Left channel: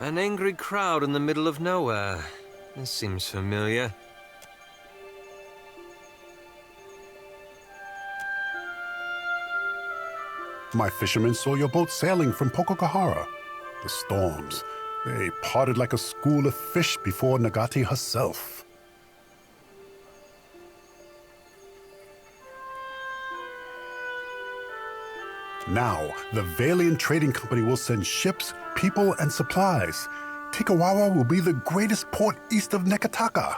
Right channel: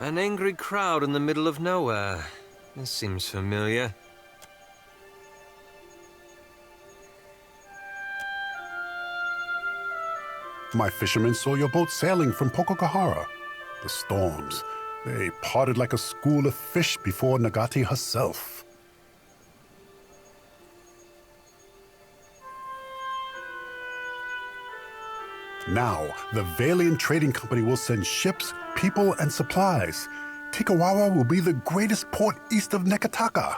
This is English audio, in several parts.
An angry crowd in the middle of nowhere. This seems familiar. My fishermen saw your boat sailing from Pococahara. The storms, they parted like a school of fish before Nagati herself. Now, the Valiant Trading Company will send ships, people, and supplies. Tikawawa will be the greatest port east of Nekataka.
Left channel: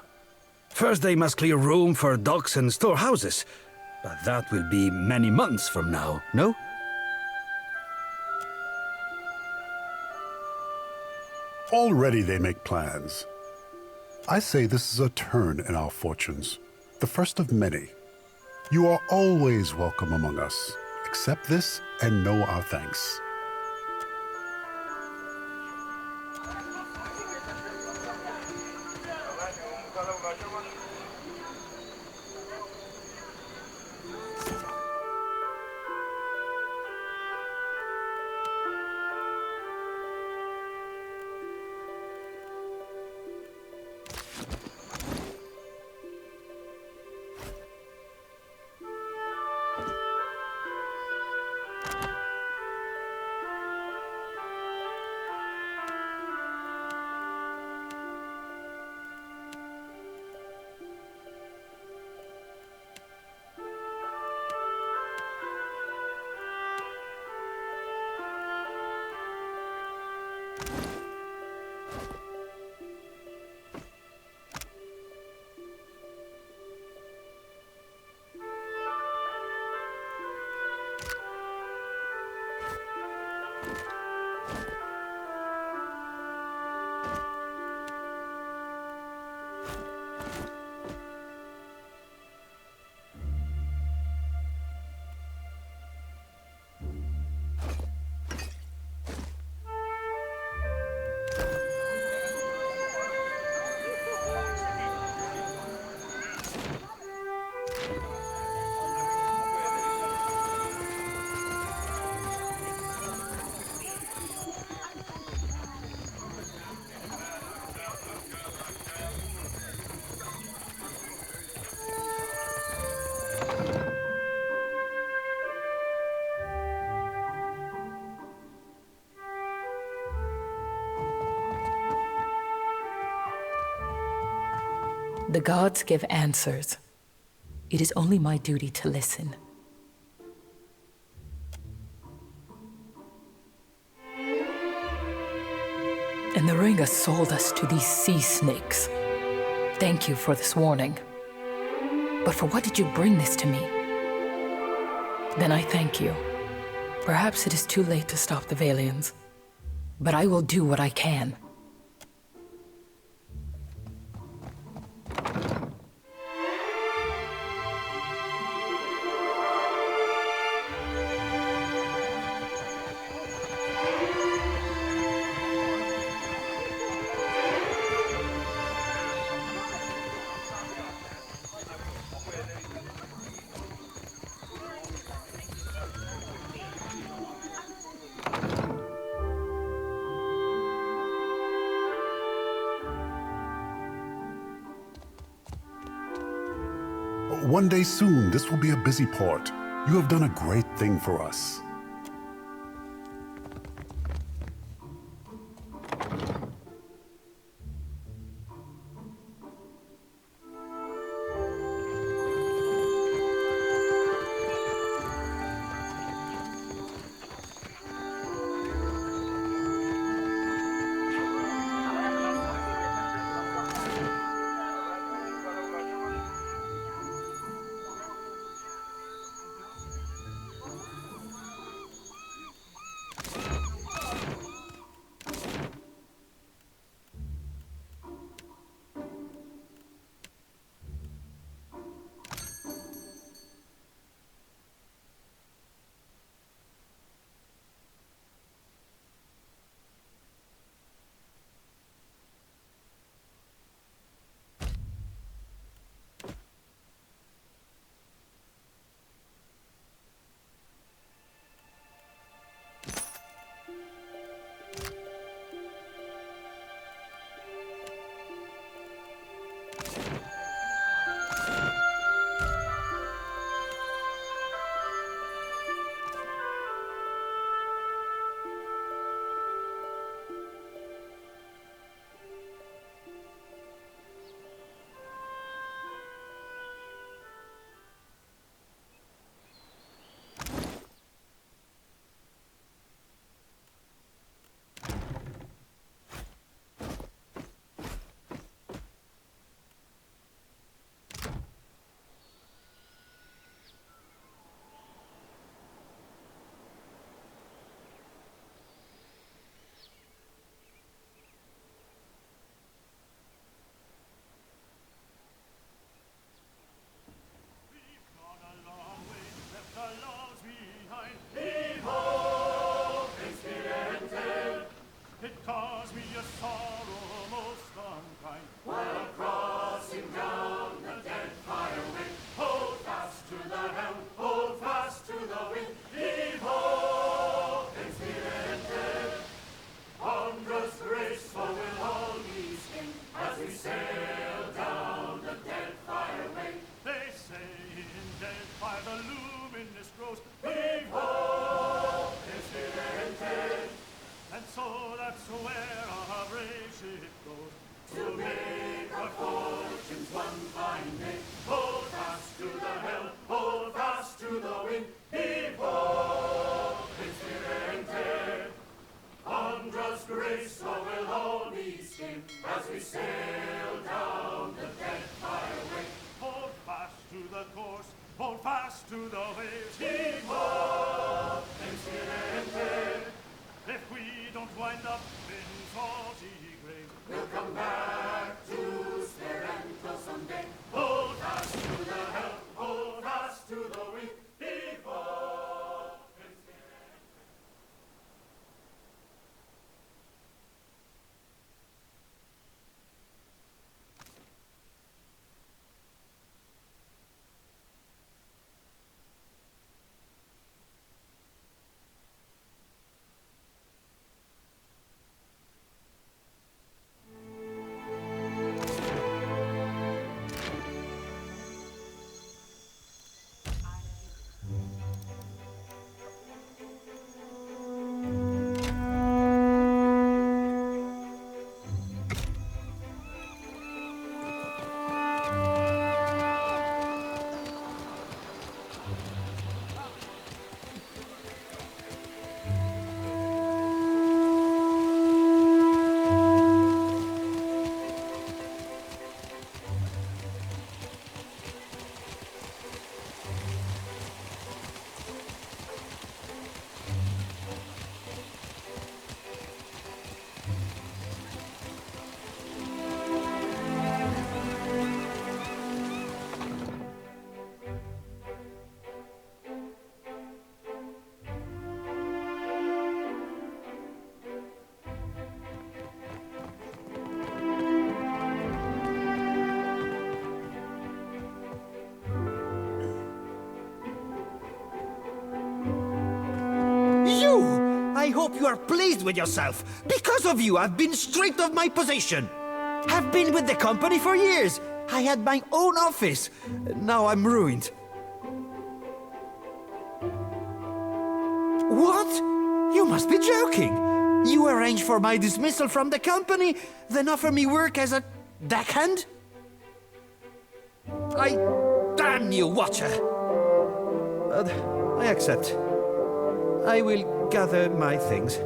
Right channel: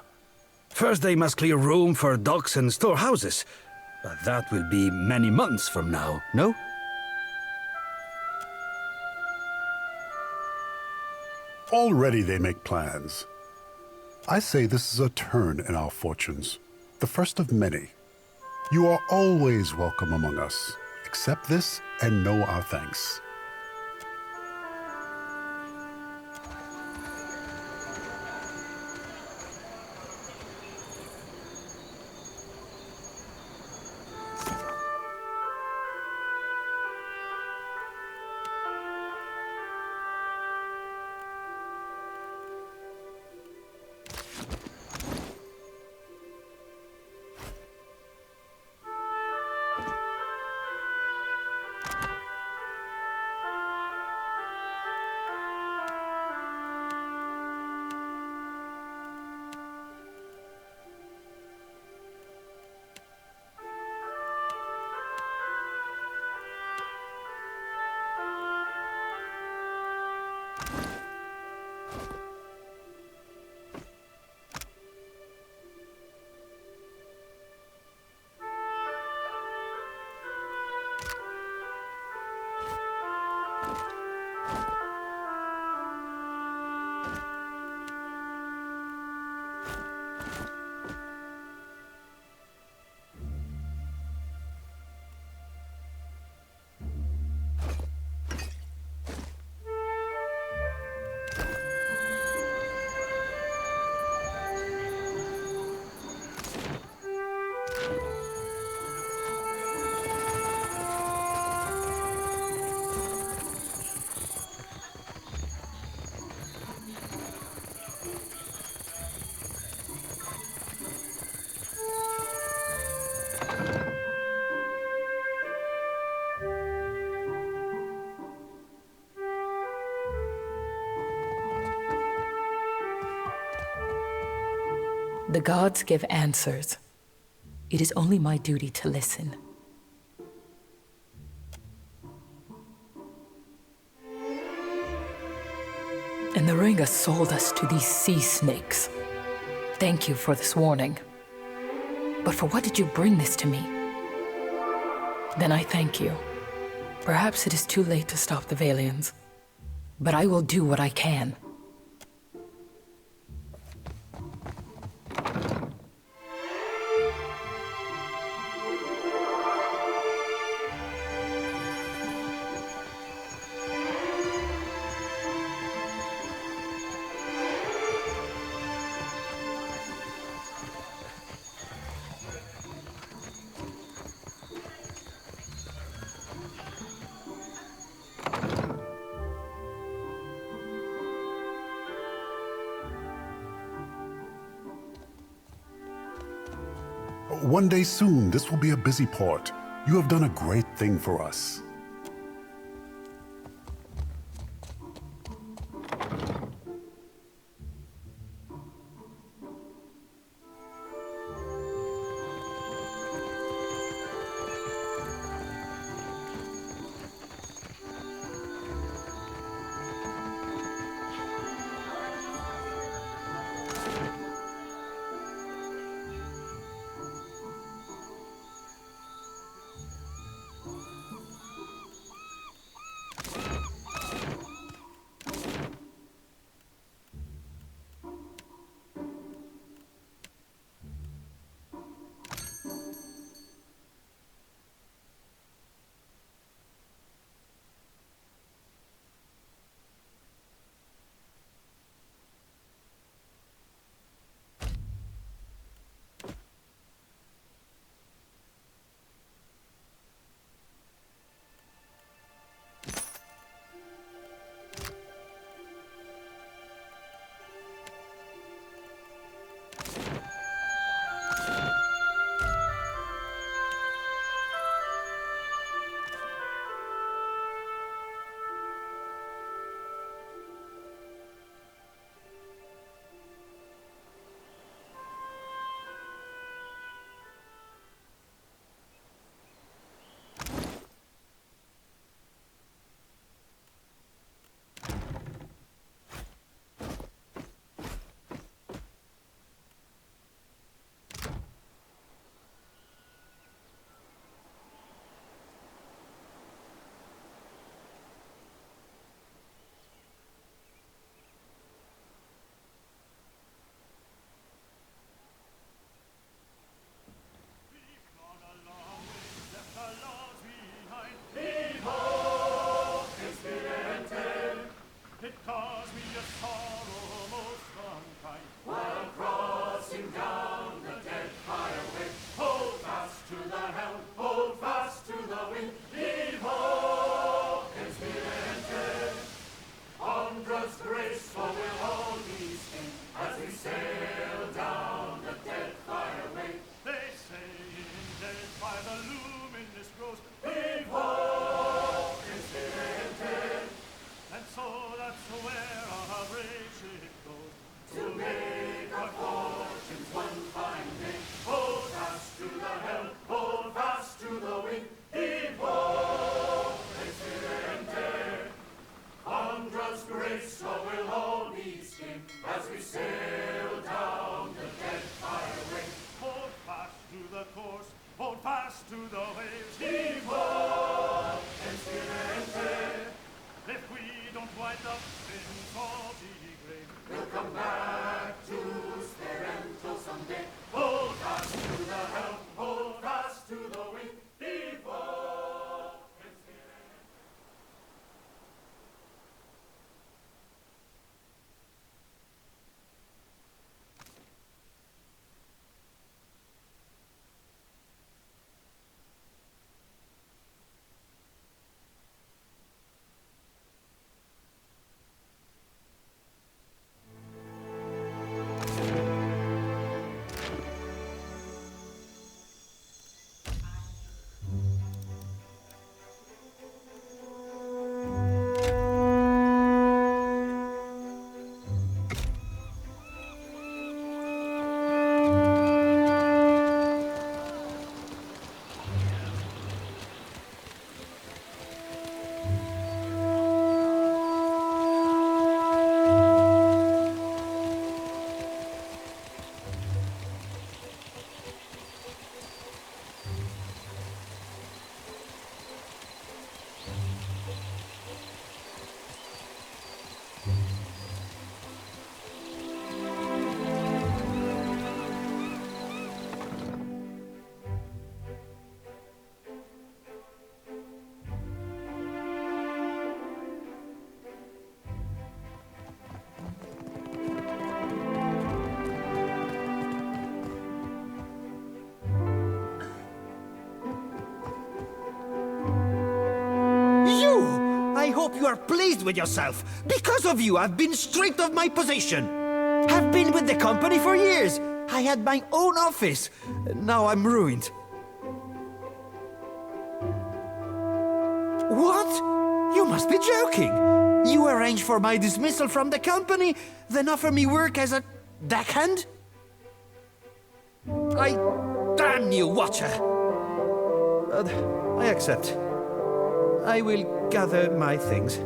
First they must clear room for docks and storehouses. But that will be many months from now, no? Already they make plans. I say this is a turn in our fortunes, the first of many. You are always welcome among us. Accept this and know our thanks. The gods give answers. It is only my duty to listen. And the Ringa sold us to these sea snakes. Thank you for this warning. But for what did you bring this to me? Then I thank you. Perhaps it is too late to stop the Valians, but I will do what I can. One day soon, this will be a busy port. You have done a great thing for us. I hope you are pleased with yourself. Because of you, I've been stripped of my position. Have been with the company for years. I had my own office. Now I'm ruined. What? You must be joking. You arrange for my dismissal from the company, then offer me work as a deckhand? Damn you, Watcher! I accept. I will gather my things.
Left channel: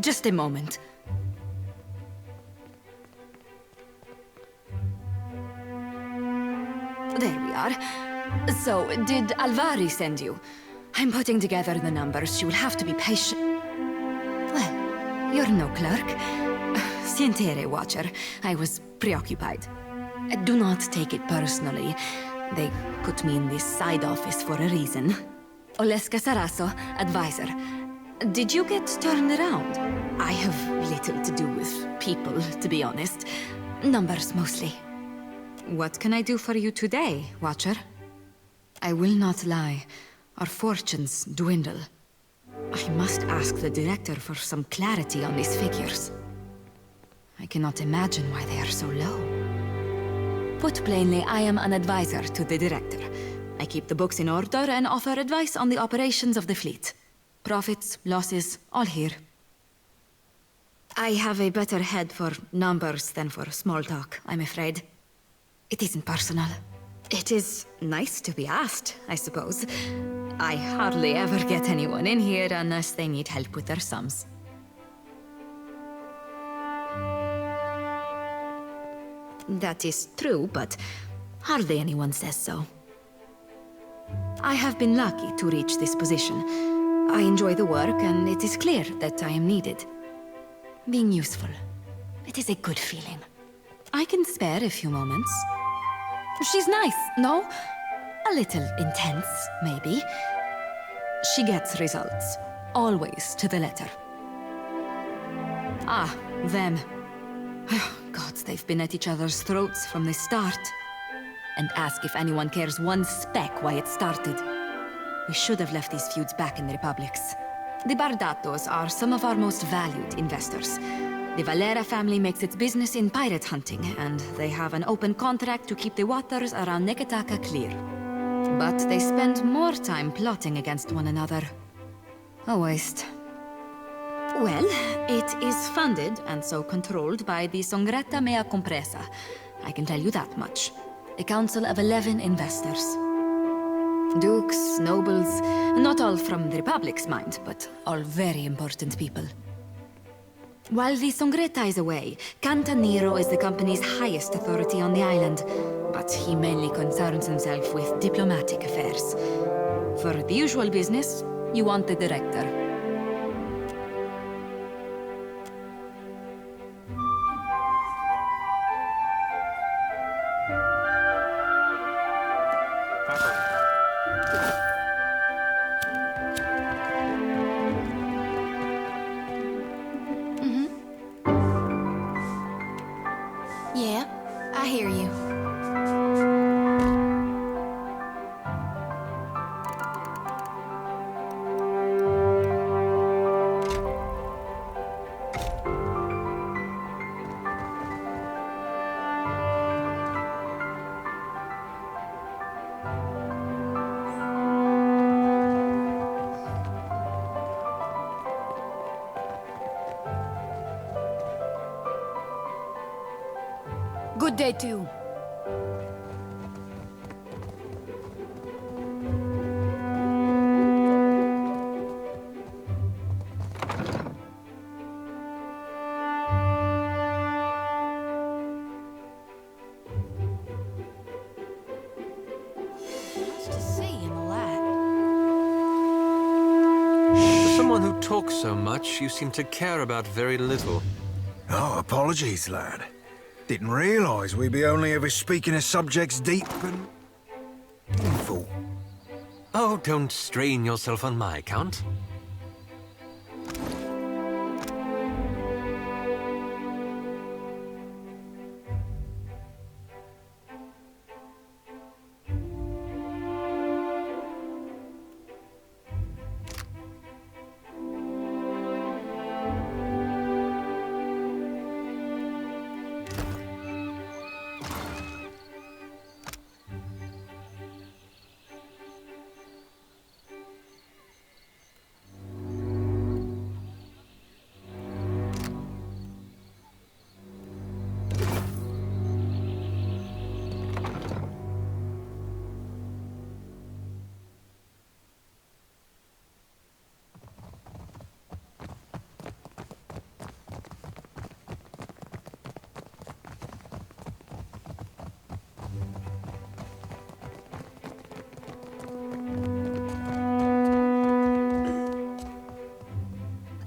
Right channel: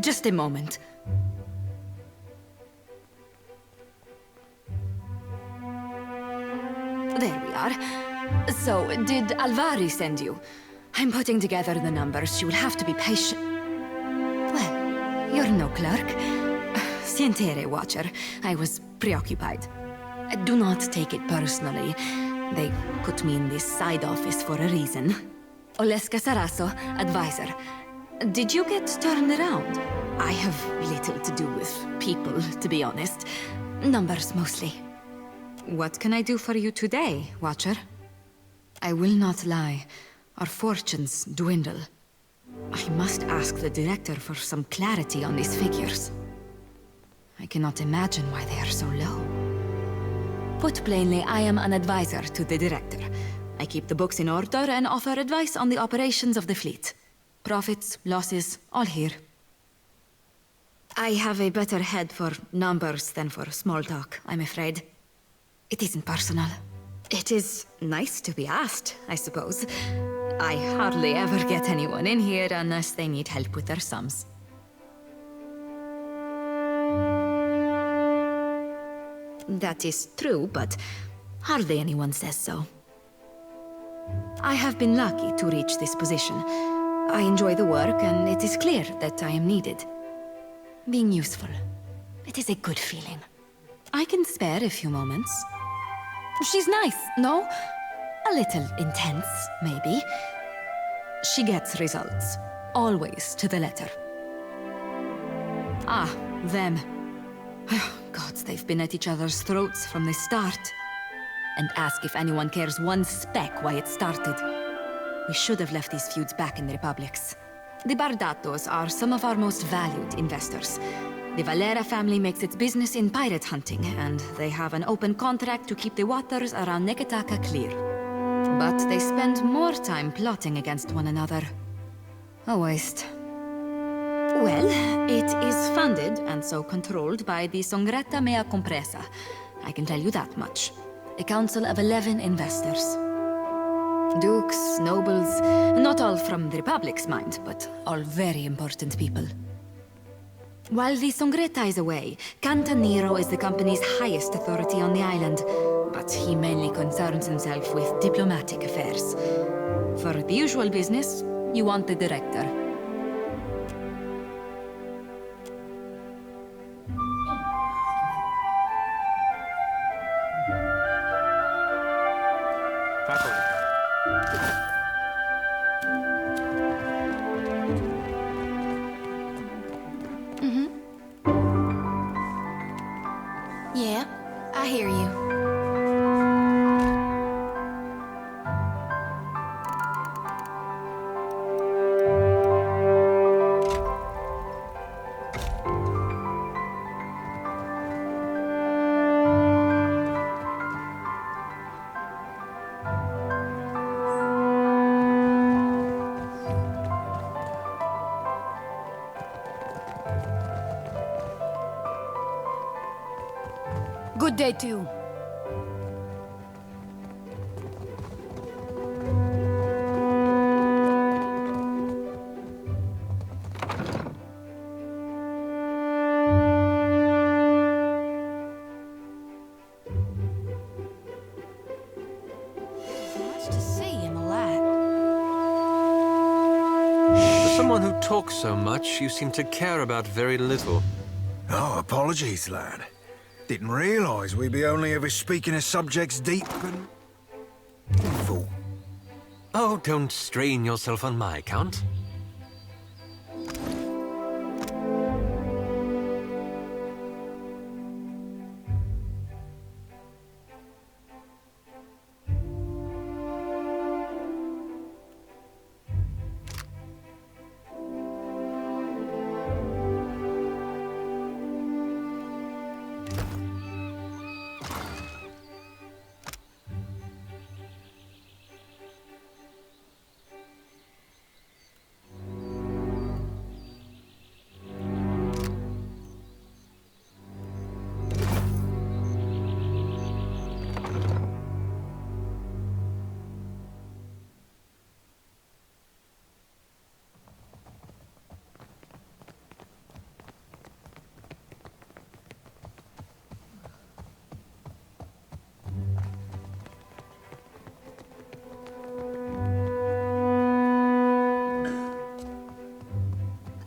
Just a moment. There we are. So, did Alvari send you? I'm putting together the numbers. You will have to be patient. Well, you're no clerk. Sientere, Watcher. I was preoccupied. Do not take it personally. They put me in this side office for a reason. Oleska Sarasso, advisor. Did you get turned around? I have little to do with people, to be honest. Numbers, mostly. What can I do for you today, Watcher? I will not lie. Our fortunes dwindle. I must ask the director for some clarity on these figures. I cannot imagine why they are so low. Put plainly, I am an advisor to the director. I keep the books in order and offer advice on the operations of the fleet. Profits, losses, all here. I have a better head for numbers than for small talk, I'm afraid. It isn't personal. It is nice to be asked, I suppose. I hardly ever get anyone in here unless they need help with their sums. That is true, but hardly anyone says so. I have been lucky to reach this position. I enjoy the work, and it is clear that I am needed. Being useful. It is a good feeling. I can spare a few moments. She's nice, no? A little intense, maybe. She gets results. Always to the letter. Ah, them. Gods, they've been at each other's throats from the start. And ask if anyone cares one speck why it started. We should have left these feuds back in the Republics. The Bardatos are some of our most valued investors. The Valera family makes its business in pirate hunting, and they have an open contract to keep the waters around Neketaka clear. But they spend more time plotting against one another. A waste. Well, it is funded and so controlled by the Songretta Mea Compresa. I can tell you that much. A council of 11 investors. Dukes, nobles, not all from the Republic's mind, but all very important people. While the Songretta is away, Cantaniro is the company's highest authority on the island, but he mainly concerns himself with diplomatic affairs. For the usual business, you want the director. Yeah, I hear you. Good day to you. Much to see in the lab. For someone who talks so much, you seem to care about very little. Oh, apologies, lad. Didn't realise we'd be only ever speaking of subjects deep and... painful. Oh, don't strain yourself on my account.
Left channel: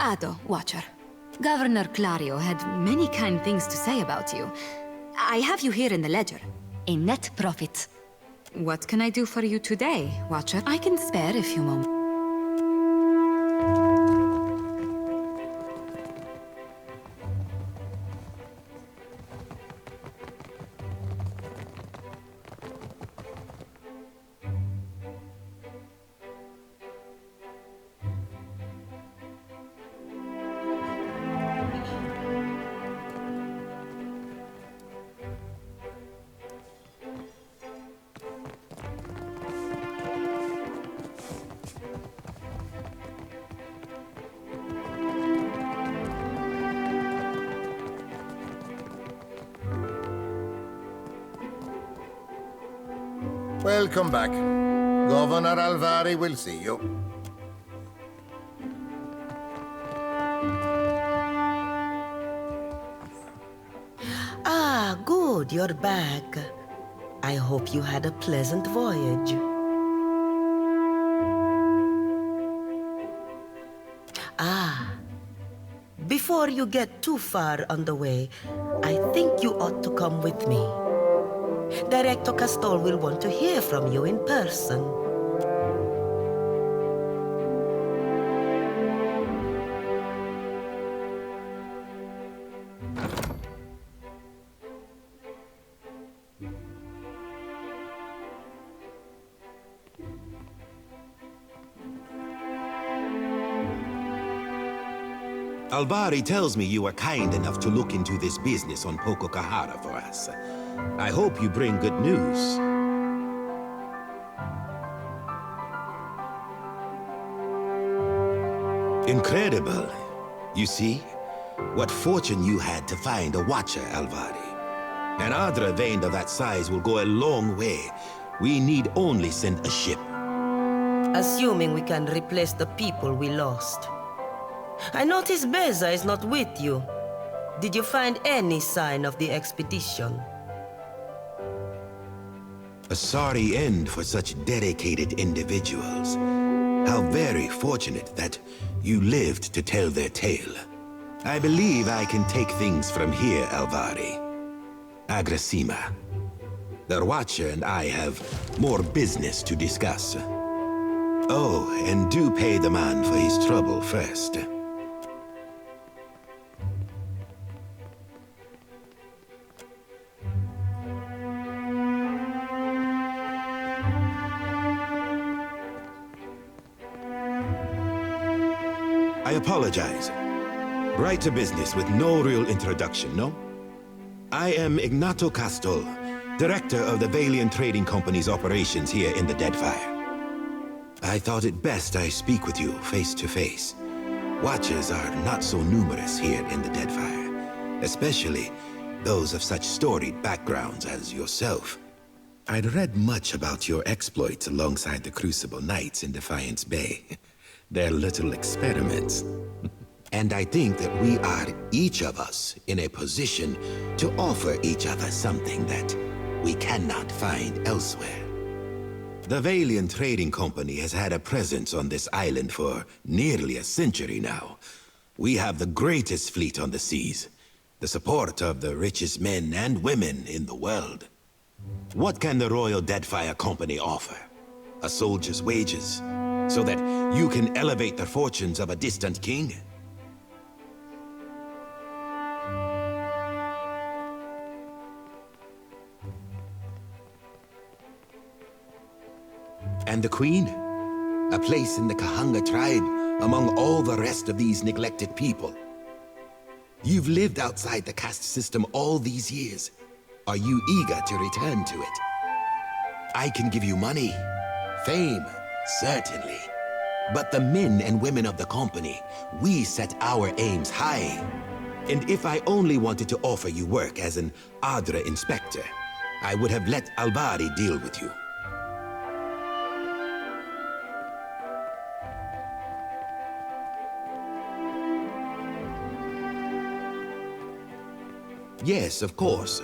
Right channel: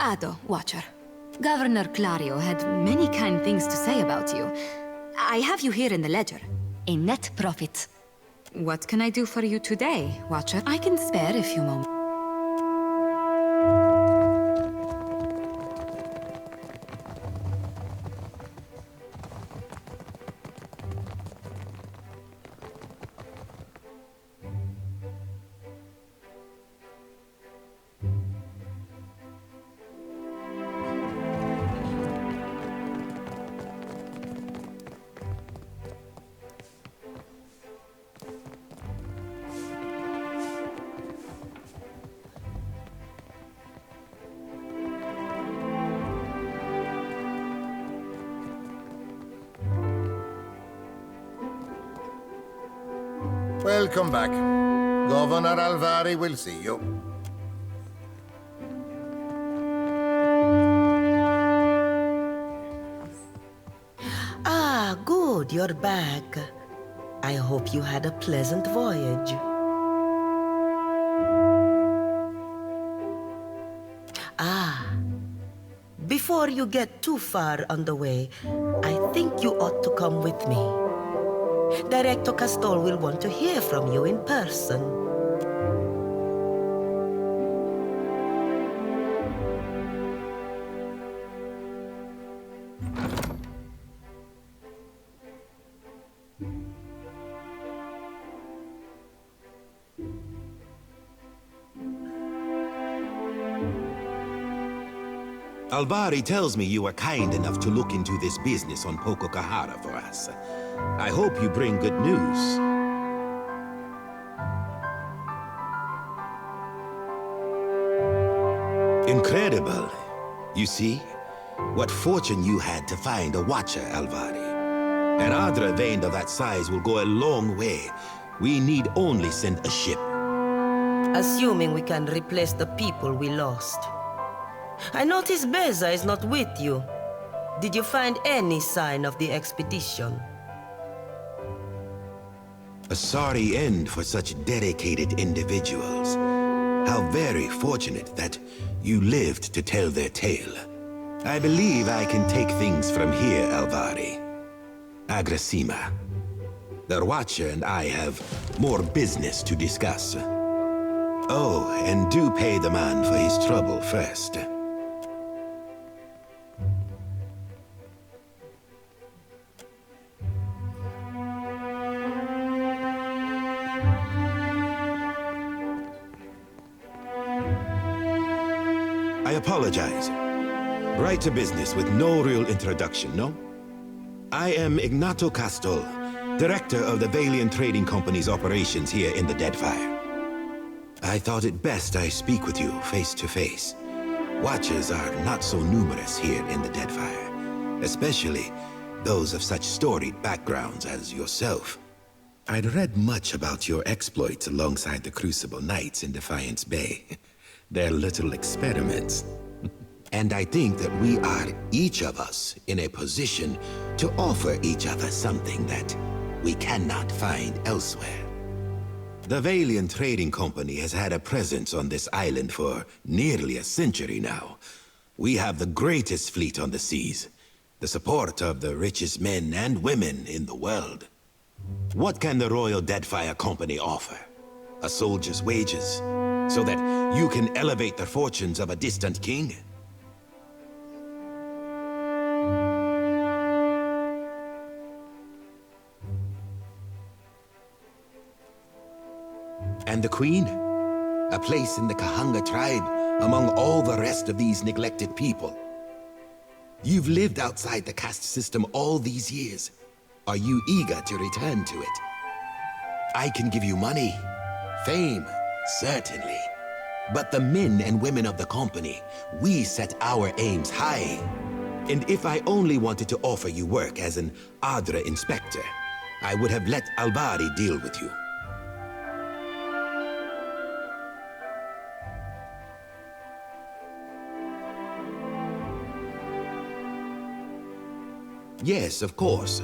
Ado, Watcher. Governor Clario had many kind things to say about you. I have you here in the ledger. A net profit. What can I do for you today, Watcher? I can spare a few moments. Welcome back. Governor Alvari will see you. Ah, good, you're back. I hope you had a pleasant voyage. Ah, before you get too far on the way, I think you ought to come with me. Director Castol will want to hear from you in person. Alvari tells me you are kind enough to look into this business on Pococahara for us. I hope you bring good news. Incredible. You see? What fortune you had to find a watcher, Alvari. An Adra vein of that size will go a long way. We need only send a ship. Assuming we can replace the people we lost. I notice Beza is not with you. Did you find any sign of the expedition? A sorry end for such dedicated individuals. How very fortunate that you lived to tell their tale. I believe I can take things from here, Alvari. Agrasima. The Watcher and I have more business to discuss. Oh, and do pay the man for his trouble first. I apologize. Right to business with no real introduction, no? I am Ignato Castol, director of the Valiant Trading Company's operations here in the Deadfire. I thought it best I speak with you face to face. Watchers are not so numerous here in the Deadfire, especially those of such storied backgrounds as yourself. I'd read much about your exploits alongside the Crucible Knights in Defiance Bay. Their little experiments. And I think that we are, each of us, in a position to offer each other something that we cannot find elsewhere. The Valiant Trading Company has had a presence on this island for nearly a century now. We have the greatest fleet on the seas, the support of the richest men and women in the world. What can the Royal Deadfire Company offer? A soldier's wages, so that you can elevate the fortunes of a distant king? And the Queen? A place in the Kahanga tribe among all the rest of these neglected people. You've lived outside the caste system all these years. Are you eager to return to it? I can give you money, fame, certainly. But the men and women of the company, we set our aims high. And if I only wanted to offer you work as an Adra inspector, I would have let Alvari deal with you. Yes, of course.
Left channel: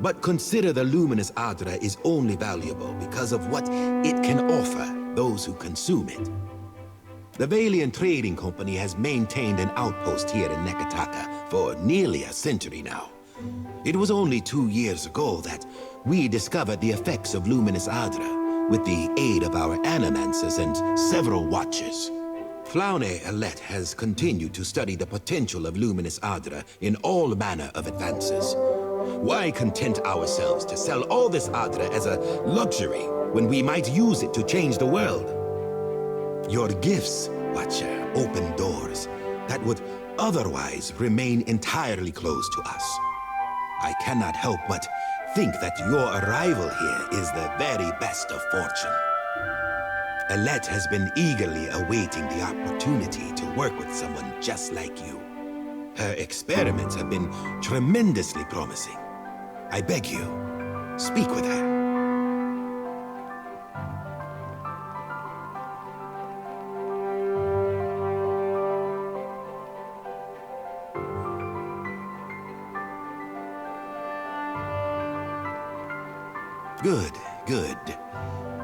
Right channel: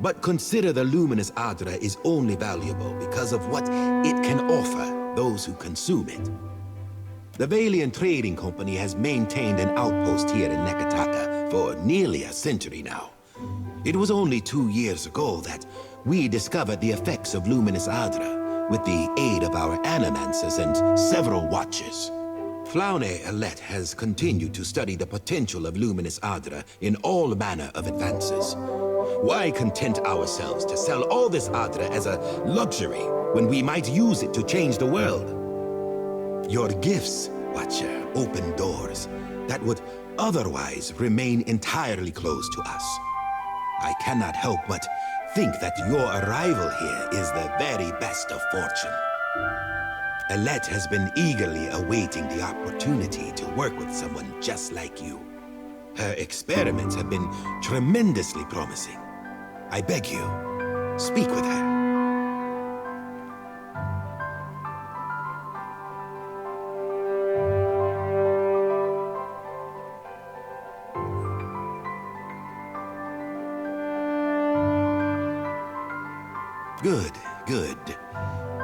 But consider the luminous Adra is only valuable because of what it can offer those who consume it. The Valiant Trading Company has maintained an outpost here in Nekataka for nearly a century now. It was only 2 years ago that we discovered the effects of luminous Adra with the aid of our animancers and several watchers. Flaune Alette has continued to study the potential of luminous Adra in all manner of advances. Why content ourselves to sell all this Adra as a luxury when we might use it to change the world? Your gifts, Watcher, open doors that would otherwise remain entirely closed to us. I cannot help but think that your arrival here is the very best of fortune. Alette has been eagerly awaiting the opportunity to work with someone just like you. Her experiments have been tremendously promising. I beg you, speak with her. Good, good.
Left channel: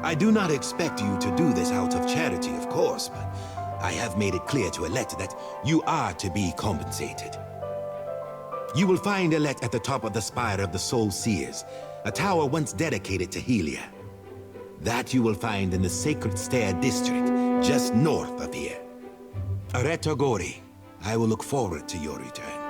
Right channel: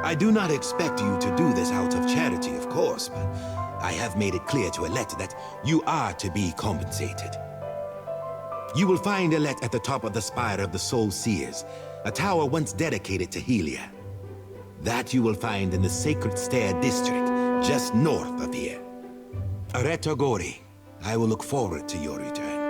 I do not expect you to do this out of charity, of course, but I have made it clear to Alette that you are to be compensated. You will find Alette at the top of the Spire of the Soul Seers, a tower once dedicated to Helia. That you will find in the Sacred Stair district, just north of here. Areto Gori, I will look forward to your return.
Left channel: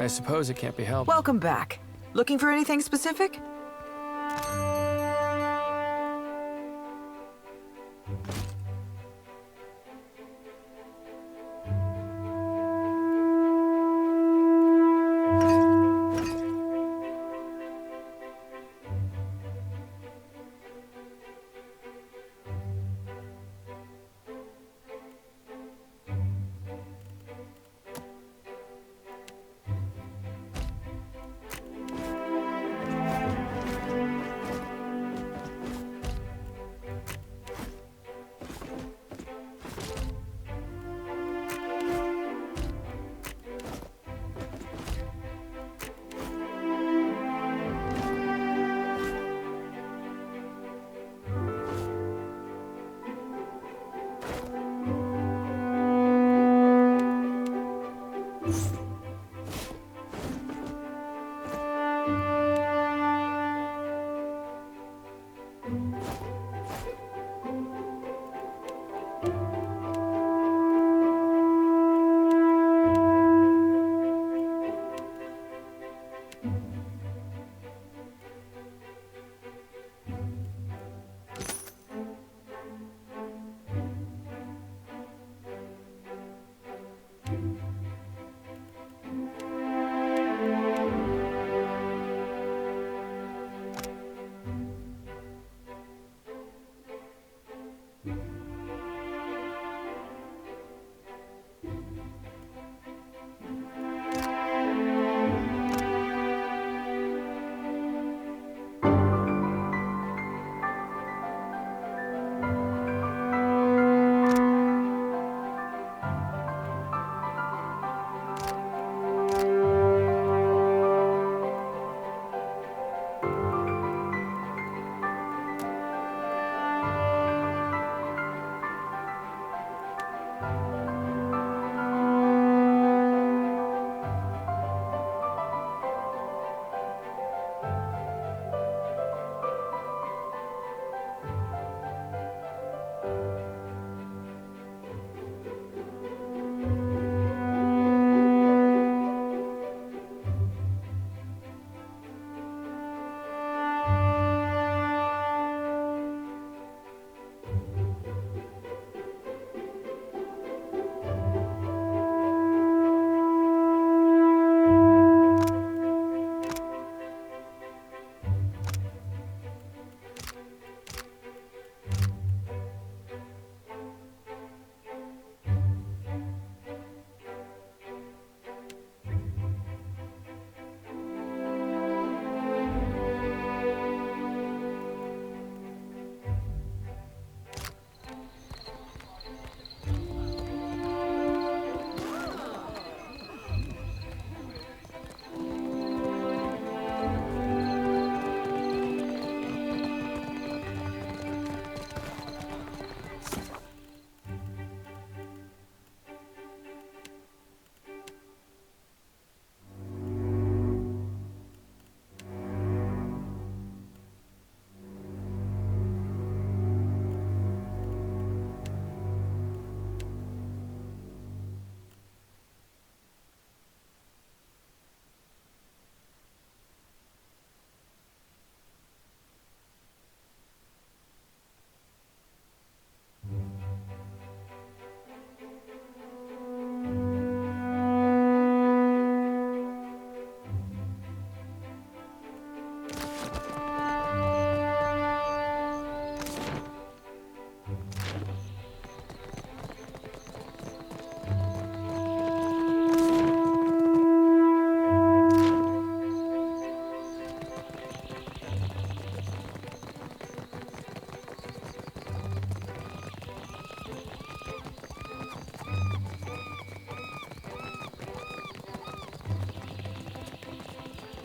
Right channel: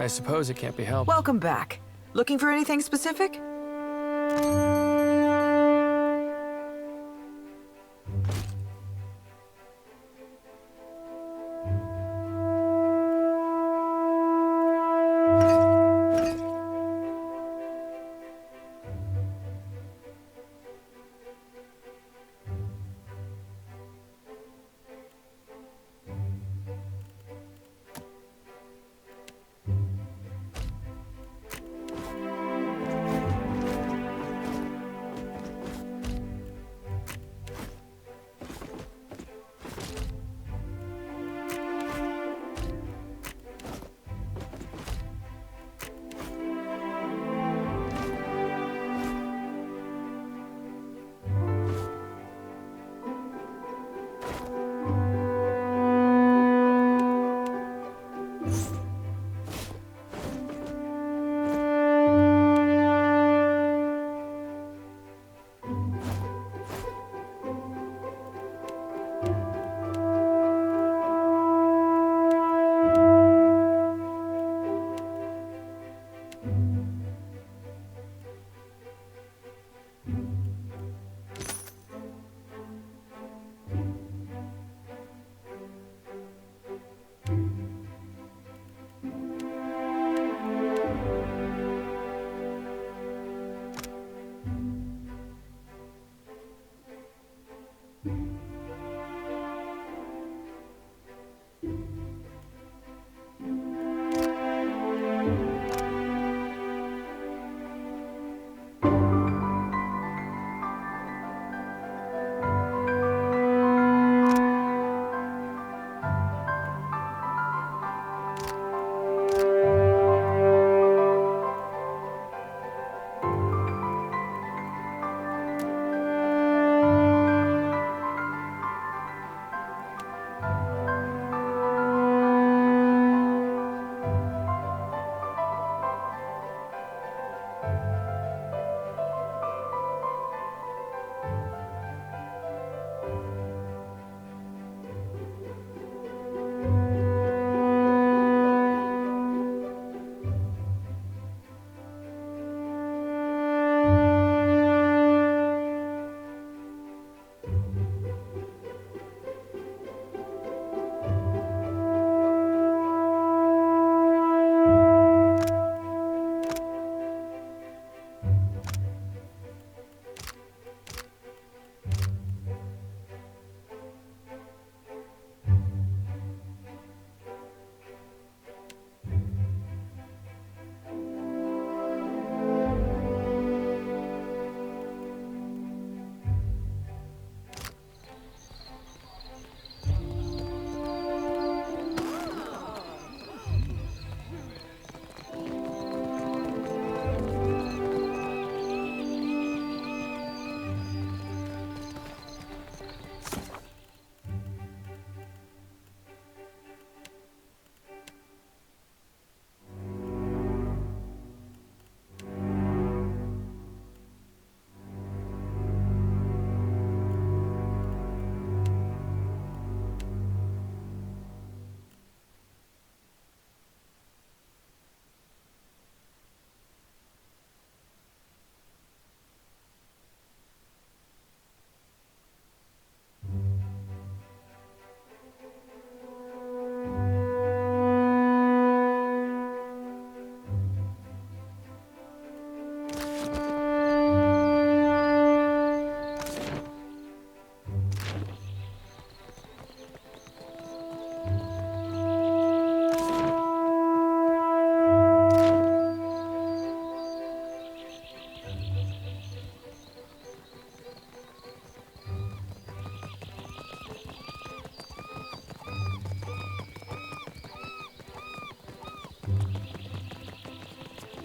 I suppose it can't be helped. Welcome back. Looking for anything specific?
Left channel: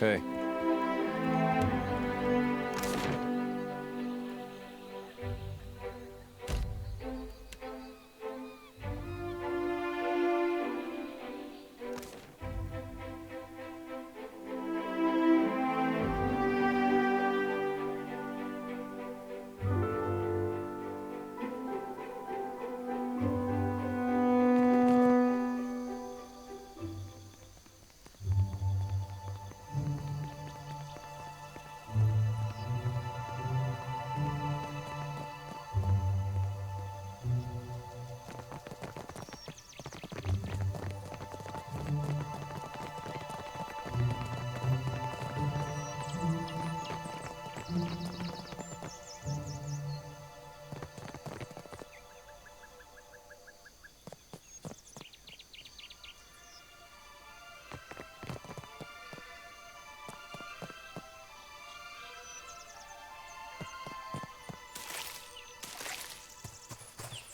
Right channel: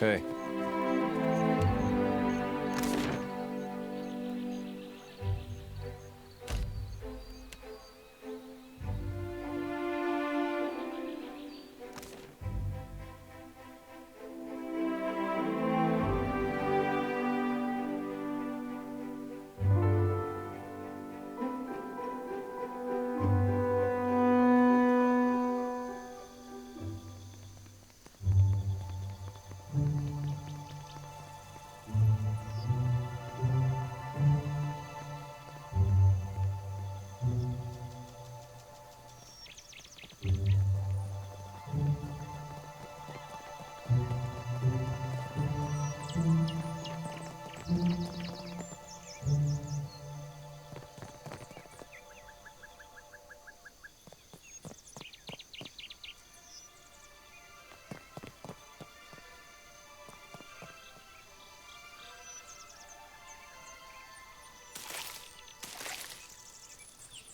Hey.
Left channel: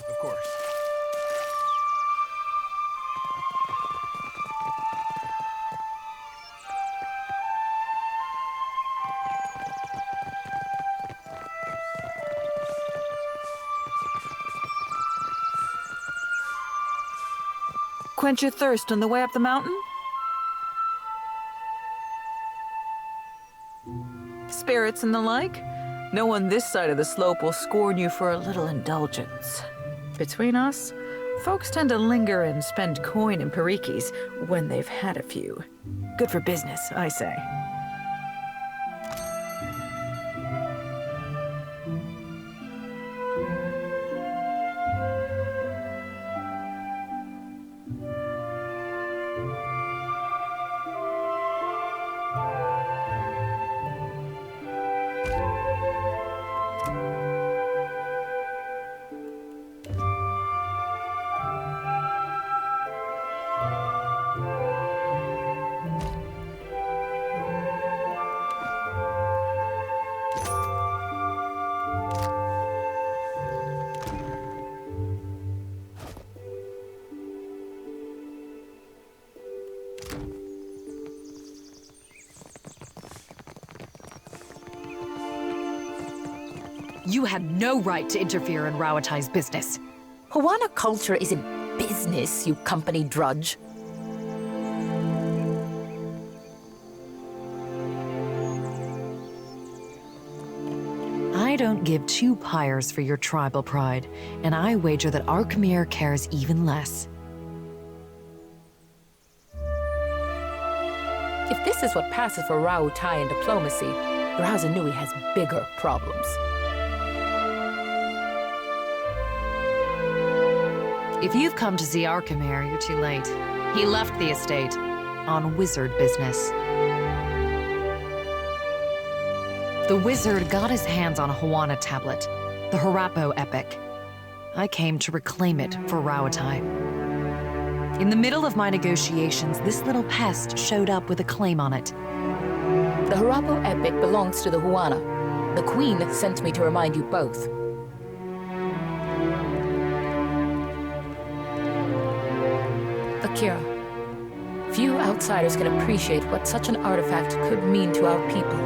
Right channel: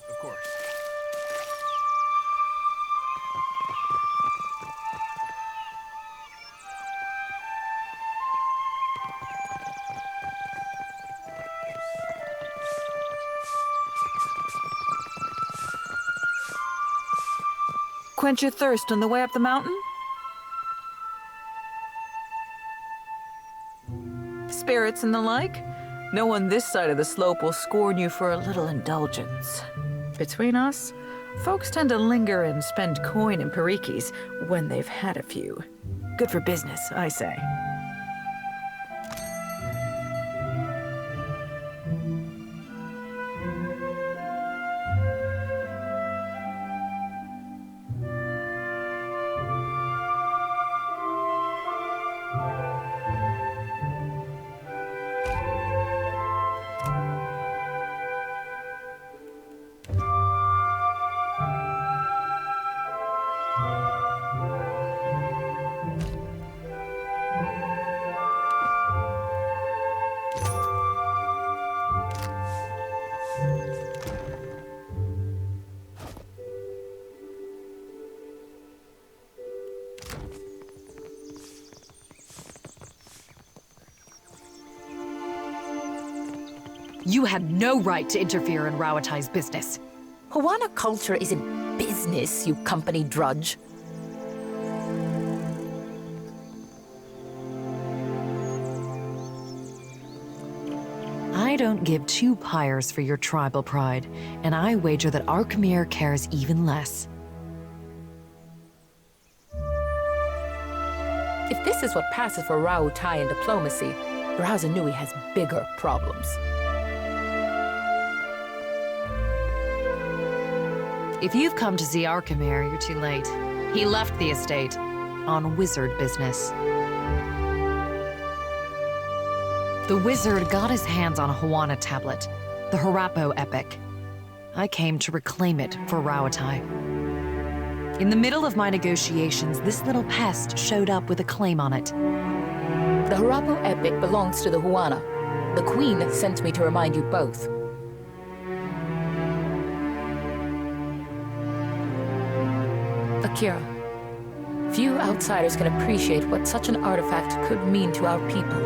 Of course. Quench your thirst on the way up the mountain? Spirits and the like? No one this side of the slope will scorn you for a little indulgence. Between us, folks tend to linger and spend coin in parikis when they've had a few. Good for business, I say. You had no right to interfere in Rawatai's business. Huana culture isn't business, you company drudge. I don't give two pyres for your tribal pride, and I wager that Arkemir cares even less. If this is what passes for Rauatai in diplomacy, Razanui has bigger problems. If you've come to see Arkemir, you're too late. He left the estate on wizard business. The wizard got his hands on a Huana tablet, the Harapo epic. I came to reclaim it for Rawattai. In the middle of my negotiations, this little pest showed up with a claim on it. The Harapo epic belongs to the Huana. The Queen sent me to remind you both. Akira, few outsiders can appreciate what such an artifact could mean to our people.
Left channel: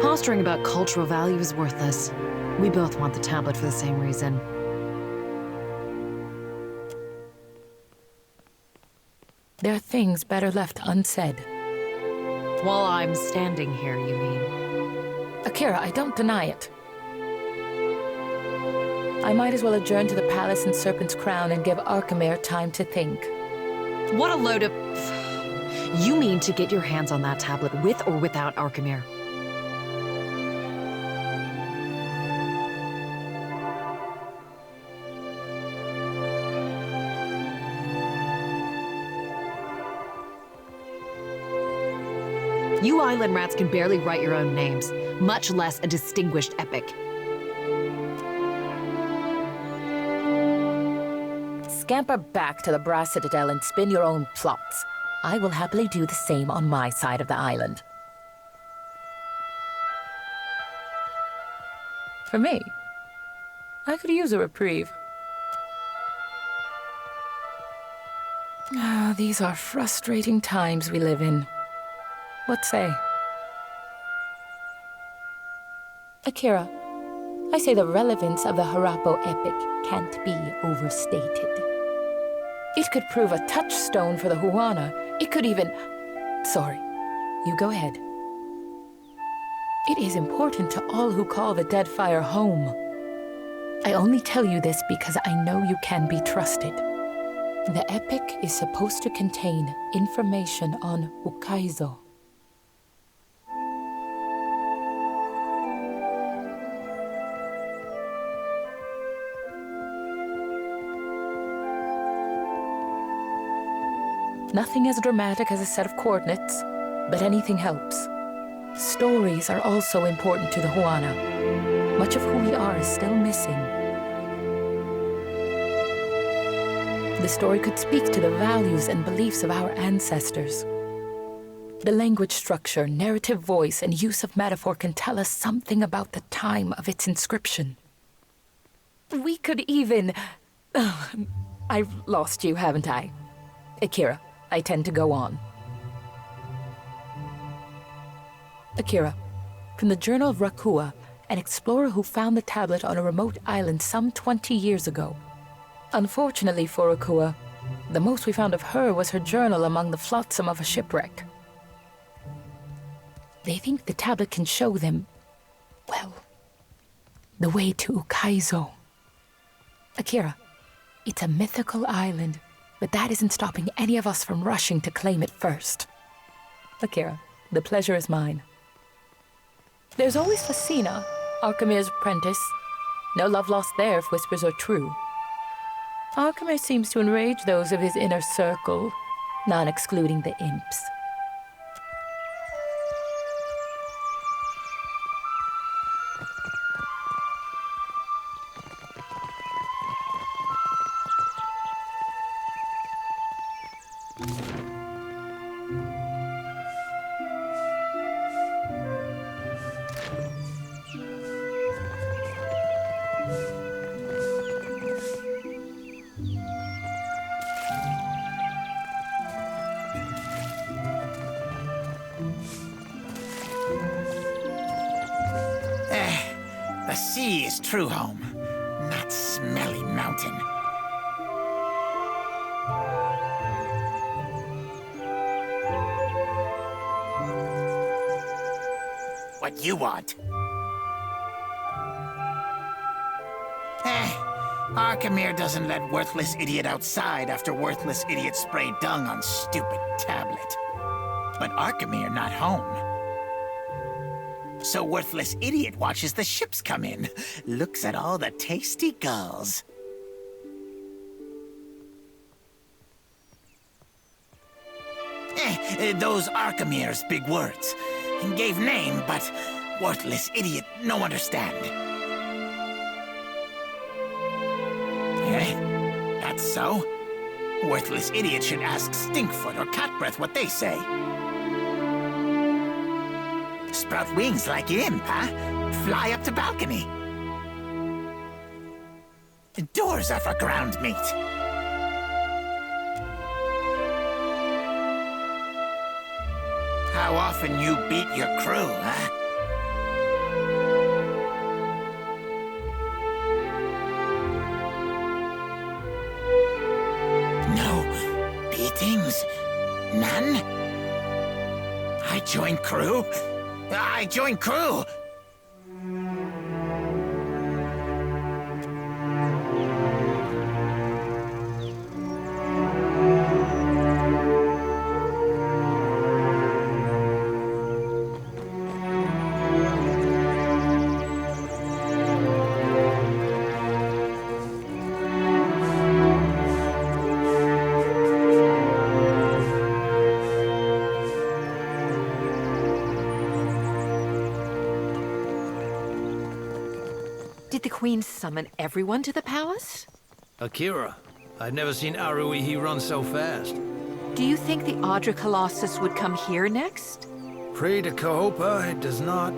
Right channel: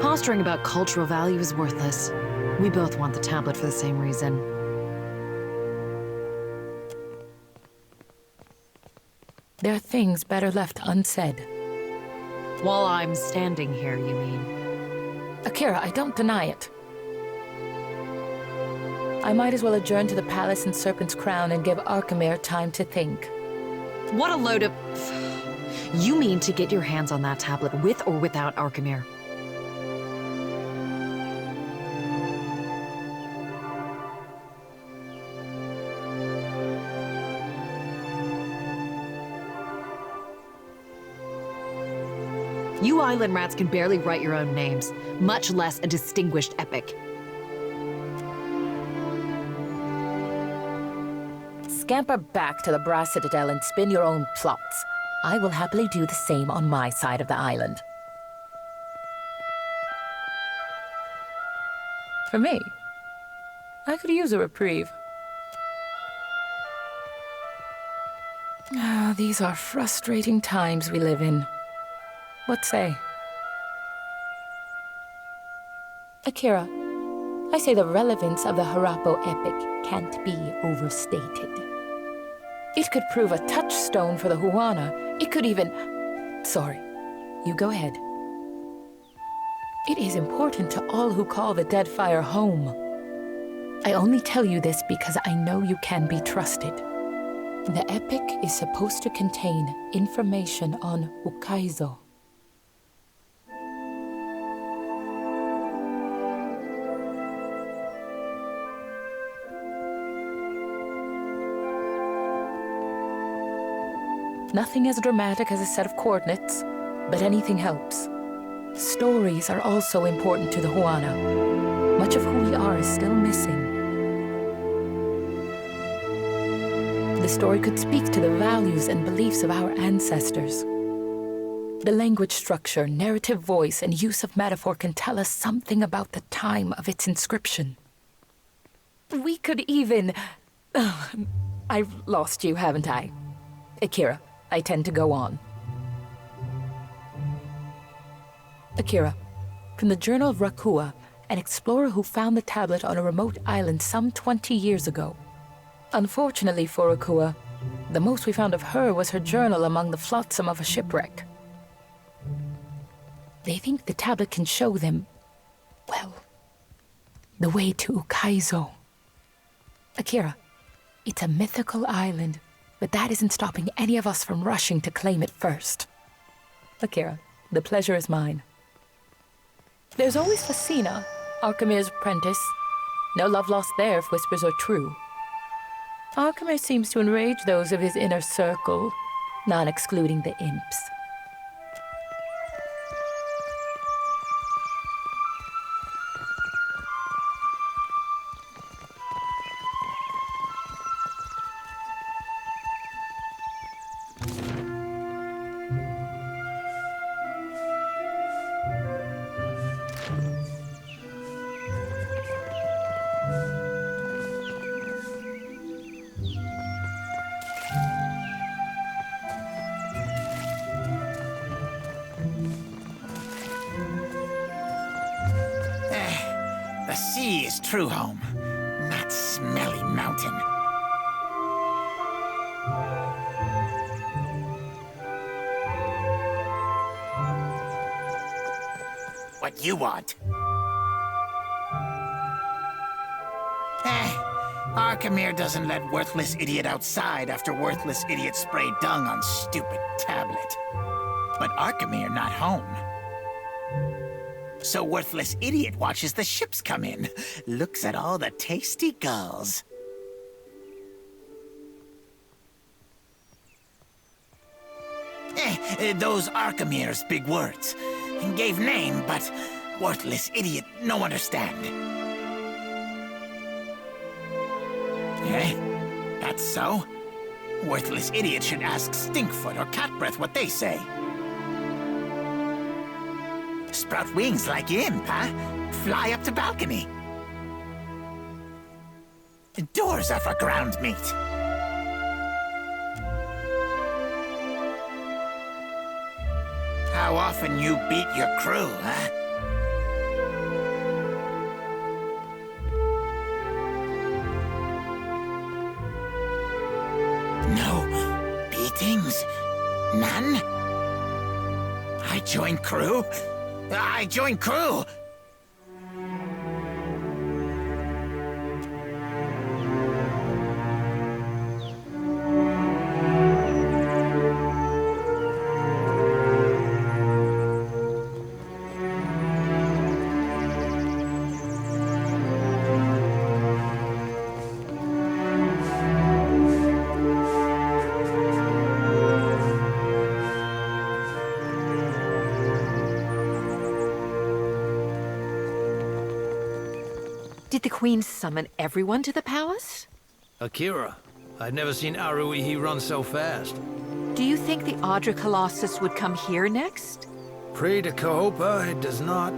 Posturing about cultural value is worthless. We both want the tablet for the same reason. There are things better left unsaid. While I'm standing here, you mean? Akira, I don't deny it. I might as well adjourn to the palace in Serpent's Crown and give Arkemir time to think. What a load of... You mean to get your hands on that tablet with or without Arkemir? You island rats can barely write your own names, much less a distinguished epic. Scamper back to the Brass Citadel and spin your own plots. I will happily do the same on my side of the island. For me, I could use a reprieve. These are frustrating times we live in. What say? Akira, I say the relevance of the Harappo epic can't be overstated. It could prove a touchstone for the Huana. It could even... Sorry, you go ahead. It is important to all who call the Deadfire home. I only tell you this because I know you can be trusted. The epic is supposed to contain information on Ukaizo. Nothing as dramatic as a set of coordinates, but anything helps. Stories are also important to the Huana. Much of who we are is still missing. The story could speak to the values and beliefs of our ancestors. The language structure, narrative voice, and use of metaphor can tell us something about the time of its inscription. We could even... I've lost you, haven't I? Akira, I tend to go on. Akira, from the Journal of Rakua, an explorer who found the tablet on a remote island some 20 years ago. Unfortunately for Rakua, the most we found of her was her journal among the flotsam of a shipwreck. They think the tablet can show them, well, the way to Ukaizo. Akira, it's a mythical island, but that isn't stopping any of us from rushing to claim it first. Akira, the pleasure is mine. There's always Facina, Archimede's apprentice. No love lost there if whispers are true. Archimede seems to enrage those of his inner circle, not excluding the imps. The sea is true home, not smelly mountain. What you want? Archimere doesn't let worthless idiot outside after worthless idiot sprayed dung on stupid tablet. But Archimere not home. So worthless idiot watches the ships come in, looks at all the tasty gulls. Those Archimere's big words. Gave name, but worthless idiot no understand. That's so? Worthless idiot should ask Stinkfoot or Catbreath what they say. Sprout wings like imp, huh? Fly up to balcony. Doors are for ground meat. How often you beat your crew, huh? No beatings? None? I join crew? I join crew! Did the Queen summon everyone to the palace? Akira, I've never seen Aruihi run so fast. Do you think the Audra Colossus would come here next? Pray to Cahopa, it does not.